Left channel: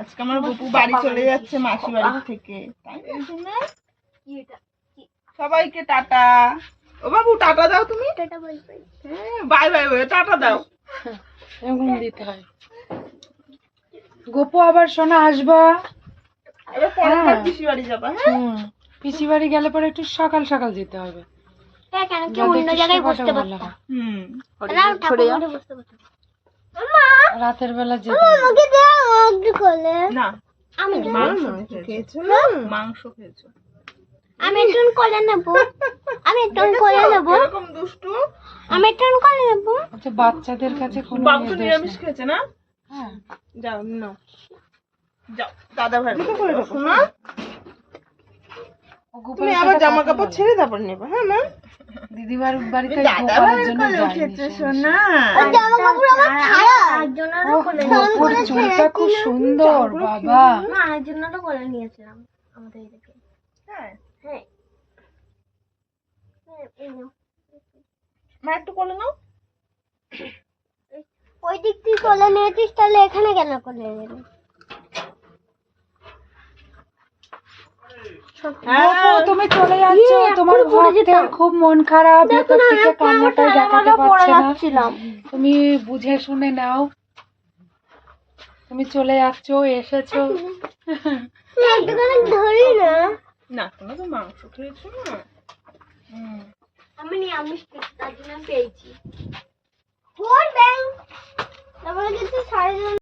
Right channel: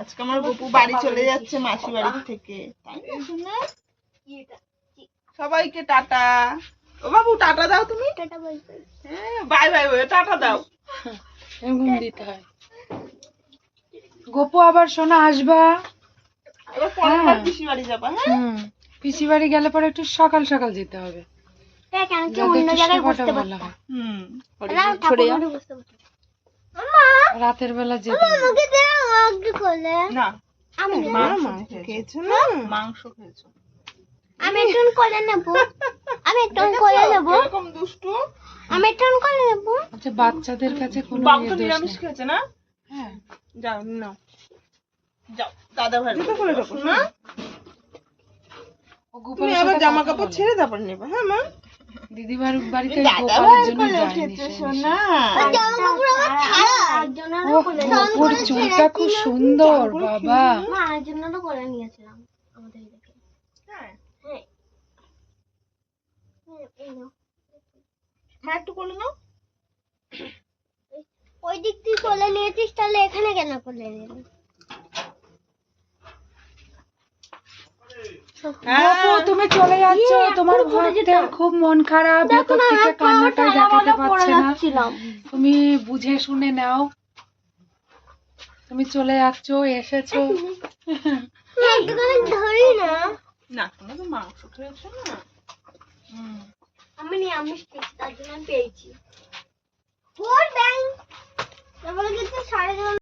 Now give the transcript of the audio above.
আজকে আমার গপু বাড়ি চলে যাচ্ছে মাসি বাড়ি থেকে, তাই না সোনা? সবাইকে টাটা। ও বাবু টাটা দাও তুমি। Tata bye bye. হ্যাঁ বাই বাই বাই, টাটা দাও। এরকম দিতে হয়। গপু আবার সোনা আসবা। এবার পরের বার পিসি বাড়ি যাবা। হ্যাঁ পিসি বাড়ি গেলে পরে একটু সকাল সকাল যেতে হবে। হ্যাঁ, কেন কি অন্য জায়গায় বসতে পারতাম। ঠাকুর ঘরে বসতে পারতাম। রাতের বেলা যেতে হবে। আমাকে দাও একটু কোলে। না আমি নেব। মাংস খেয়েছো না? মাংস খেয়েছো। আমি একটু কোলে নেব। আমি একটু কোলে নেব। এরকম দুষ্টু। আমি একটু কোলে নেব। আচ্ছা বাচ্চাদের কাছে কোনো বাবু তো দোষ নিরামিষ নেই। খেয়েছে না? হ্যাঁ যাও নাও, যাও দাদা ভাই শোনা। ও গোপালের তুমি সাথে আবার জামা কথা কাপড় বলে। ছেড়ে তারপর নেবে। হ্যাঁ মা, দিদিবার বাড়িতে দাদা গোপালের ভাইয়ের জন্য কোলে যায়নি উঠেছে সে। সোনা। জামা কাপড় আমার ছাড়া। ও গপুর চুলটা খুব সুন্দর বাবা। মা আর জন্য তো করে নিয়েছিলাম আমাদের এদিকে। হ্যাঁ হ্যাঁ। এই নাও। মা একটু কোলে নাও। ওই দিক তুই কোলে নিয়েছিস, তাহলে এখানে কেন কোলে নিলি? গপু তুমি চলে যাচ্ছ, তোমার ভক্তের খুব মন খারাপ, ভেতর থেকে কান্নাটাই দেখাতে পারছে না। তুমি বুঝে শুনে নাও, তুমি চলে যাচ্ছ, এসেছো। একটুখানি ধরি না। না তুমি তো মাংস খেয়েছো না। আমি নিরামিষ খেয়েছি, তার জন্য পেয়েছি। ওর ব্যাং তারপরে কিন্তু সাড়ে